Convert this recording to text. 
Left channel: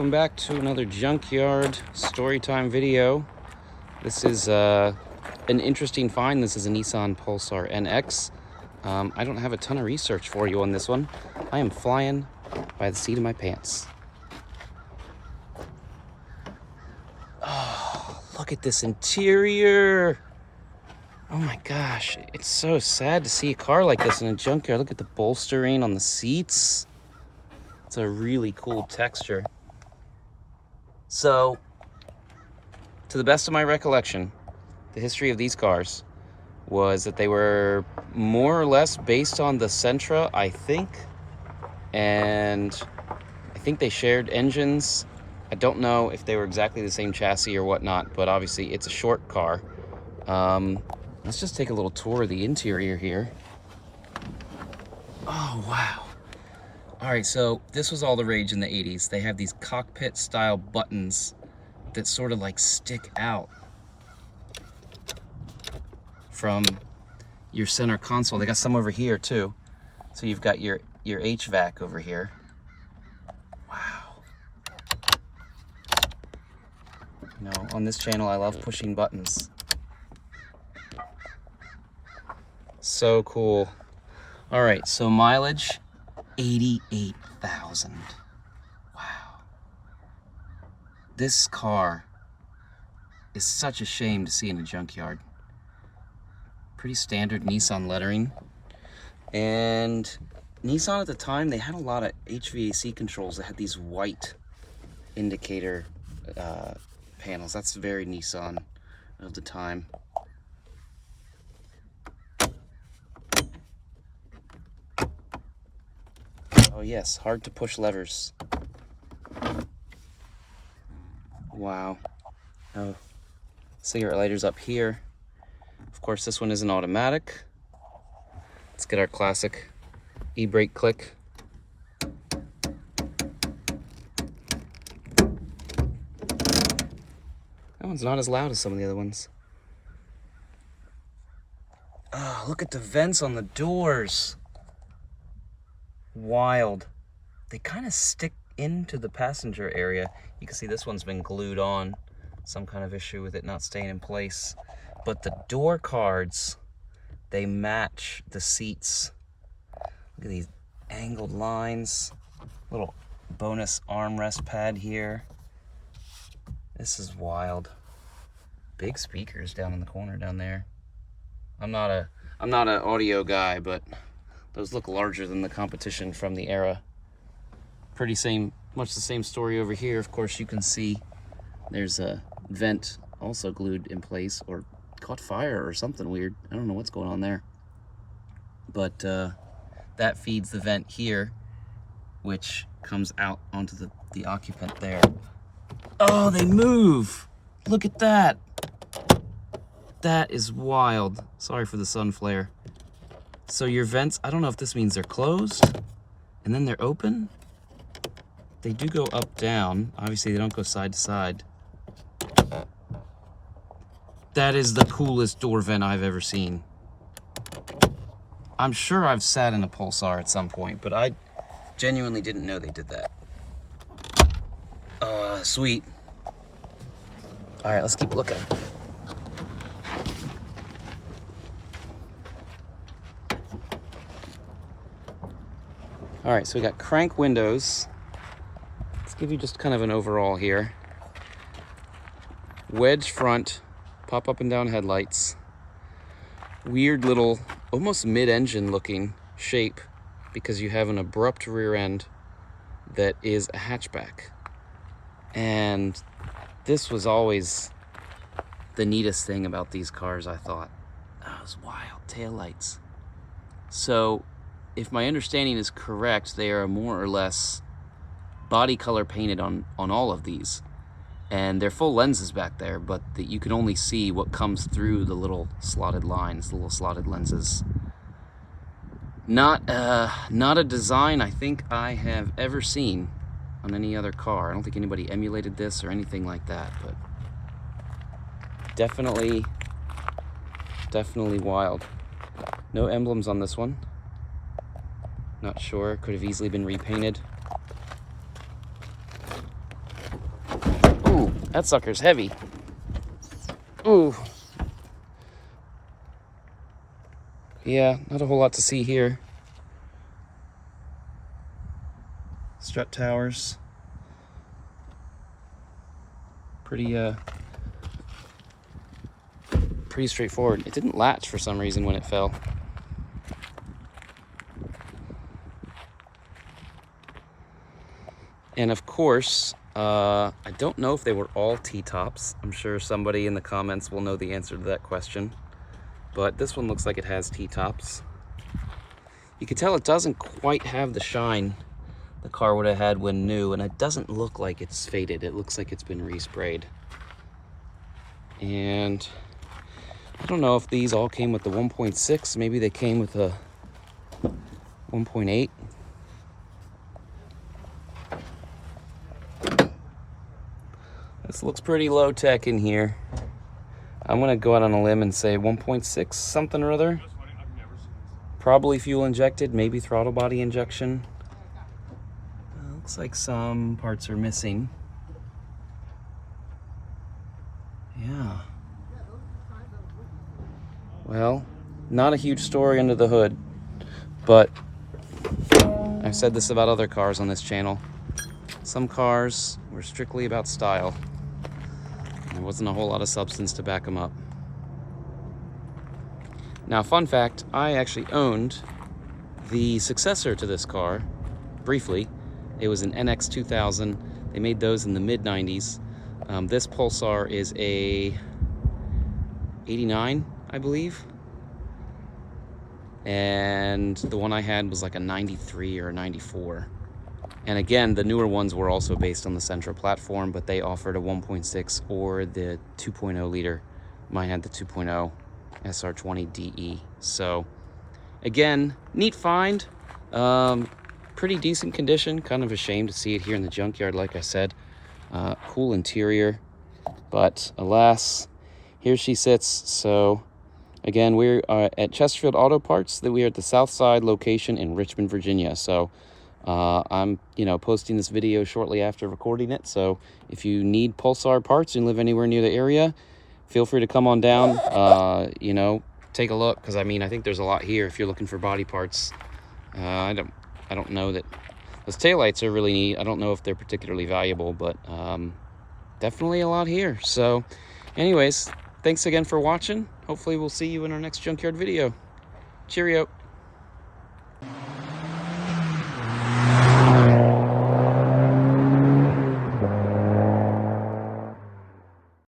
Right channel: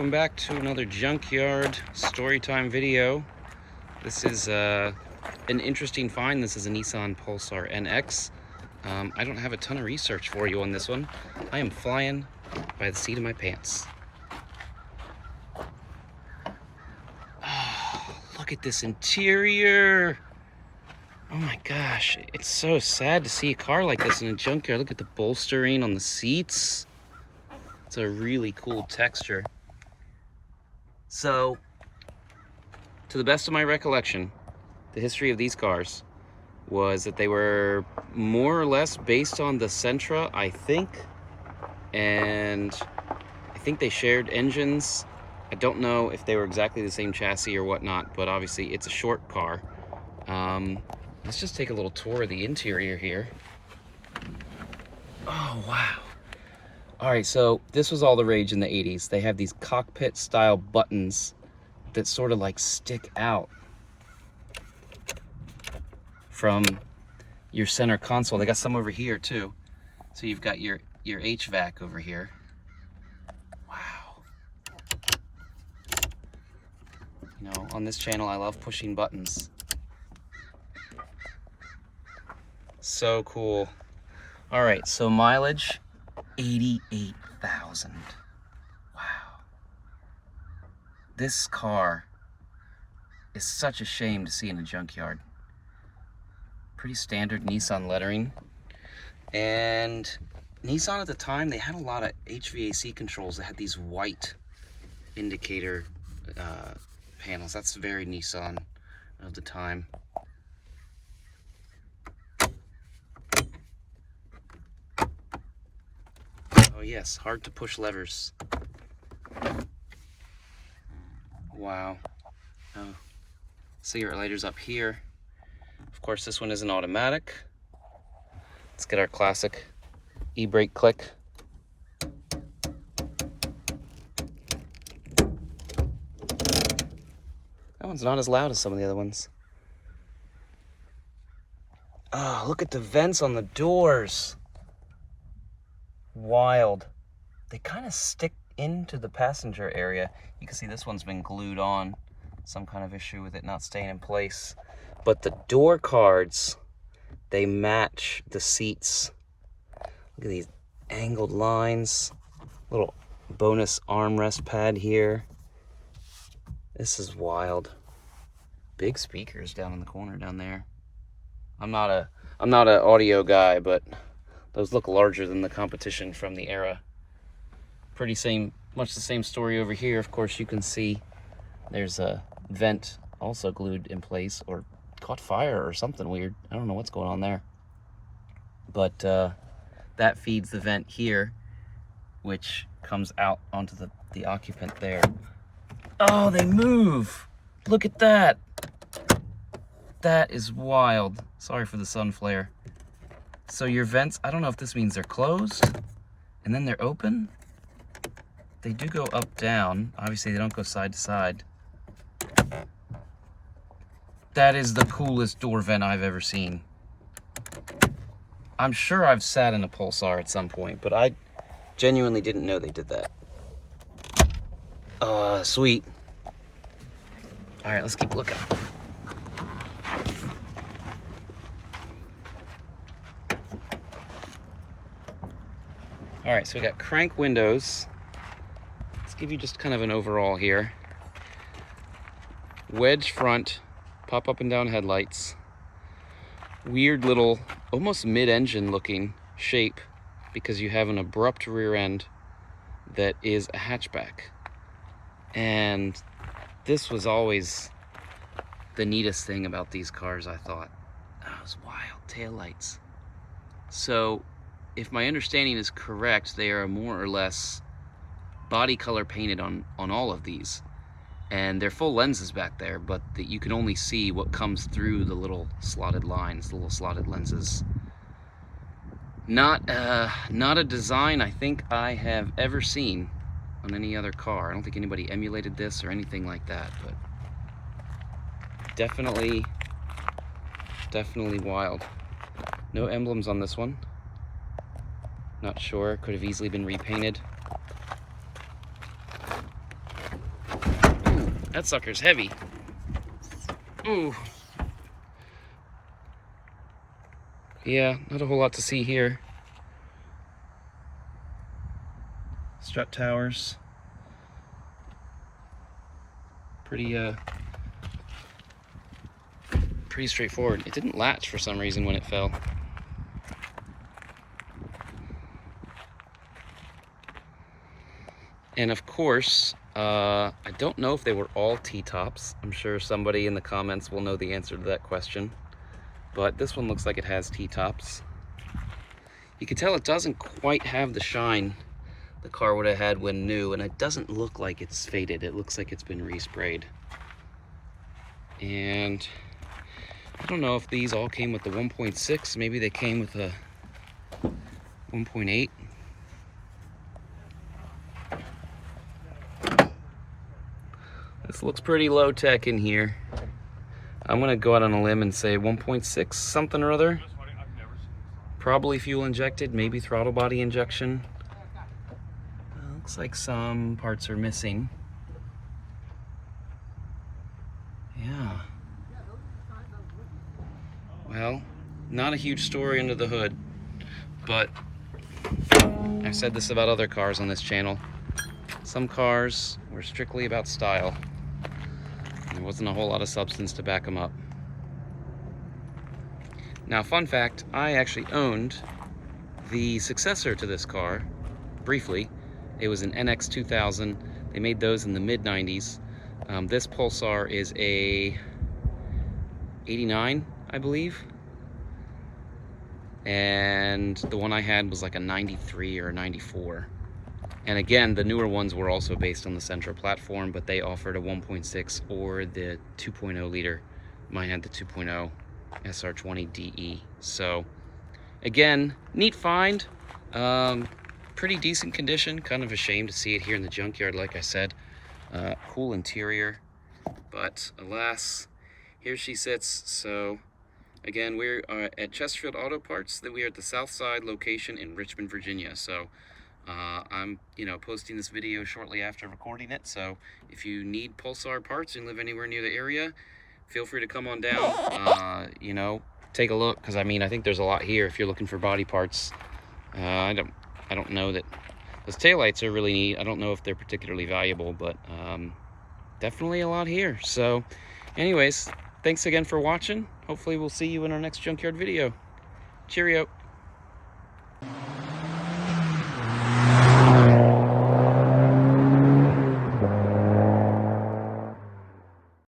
welcome back to another junkyard storytime video. This is an interesting find. This is a Nissan Pulsar NX. I don't have a ton of research for you on this one. I am flying by the seat of my pants. Oh, look at this interior. Oh my gosh, it's so sad to see a car like this in a junkyard. Look at the bolstering on the seats. It's a really cool texture. So, to the best of my recollection, the history of these cars was that they were more or less based on the Sentra, I think. And I think they shared engines. I don't know if they were exactly the same chassis or whatnot, but obviously it's a short car. Let's just take a little tour of the interior here. Oh, wow. All right, so this was all the rage in the 80s. They have these cockpit style buttons that sort of like stick out from your center console. They got some over here too. So you've got your HVAC over here. Wow. You know, on this channel, I love pushing buttons. So cool. All right, so mileage, 88,000. Wow. This car is such a shame to see in a junkyard. Pretty standard Nissan lettering. And Nissan at the time, they had a lot of HVAC controls that had these white indicator panels. That's very Nissan of the time. Oh yes, hard to push levers. Wow. Oh, cigarette lighters up here. Of course, this one isn't automatic. Let's get our classic e-brake click. That one's not as loud as some of the other ones. Oh, look at the vents on the doors. Wild. They kind of stick into the passenger area. You can see this one's been glued on. Some kind of issue with it not staying in place. But the door cards, they match the seats. Look at these angled lines. Little bonus armrest pad here. This is wild. Big speakers down in the corner down there. I'm not an audio guy, but those look larger than the competition from the era. Much the same story over here. Of course, you can see there's a vent also glued in place or caught fire or something weird. I don't know what's going on there. But that feeds the vent here, which comes out onto the occupant there. Oh, they move! Look at that! That is wild. Sorry for the sun flare. So your vents, I don't know if this means they're closed and then they're open. They do go up, down. Obviously, they don't go side to side. That is the coolest door vent I've ever seen. I'm sure I've sat in a Pulsar at some point, but I genuinely didn't know they did that. Sweet. All right, let's keep looking. All right, so we got crank windows. Let's give you just kind of an overall here. Wedge front, pop up and down headlights. Weird little, almost mid-engine looking shape because you have an abrupt rear end that is a hatchback. And this was always the neatest thing about these cars, I thought. Those wild taillights. So, if my understanding is correct, they are more or less body color painted on all of these. And they're full lenses back there, but you can only see what comes through the little slotted lines, the little slotted lenses. Not a design I think I have ever seen on any other car. I don't think anybody emulated this or anything like that, but definitely wild. No emblems on this one. Not sure, could have easily been repainted. That sucker's heavy. Ooh. Yeah, not a whole lot to see here. Strut towers. Pretty straightforward. It didn't latch for some reason when it fell. And of course, I don't know if they were all T-tops. I'm sure somebody in the comments will know the answer to that question. But this one looks like it has T-tops. You can tell it doesn't quite have the shine the car would have had when new, and it doesn't look like it's faded. It looks like it's been resprayed. And I don't know if these all came with the 1.6. Maybe they came with a 1.8. This looks pretty low tech in here. I'm gonna go out on a limb and say 1.6 something or other. Probably fuel injected, maybe throttle body injection. Looks like some parts are missing. Yeah. Well, not a huge story under the hood, but I've said this about other cars on this channel. Some cars were strictly about style. There wasn't a whole lot of substance to back them up. Now, fun fact, I actually owned the successor to this car, briefly. It was an NX 2000. They made those in the mid-90s. This Pulsar is a 89, I believe. And the one I had was like a 93 or a 94. And again, the newer ones were also based on the Sentra platform, but they offered a 1.6 or the 2.0 liter. Mine had the 2.0 SR20DE. So again, neat find. Pretty decent condition. Kind of a shame to see it here in the junkyard, like I said. Cool interior, but alas, here she sits. So again, we're at Chesterfield Auto Parts. We are at the South Side location in Richmond, Virginia. So I'm posting this video shortly after recording it. So if you need Pulsar parts and live anywhere near the area, feel free to come on down. Take a look, because I think there's a lot here if you're looking for body parts. I don't know that those taillights are really neat. I don't know if they're particularly valuable, but definitely a lot here. So anyways, thanks again for watching. Hopefully we'll see you in our next junkyard video. Cheerio.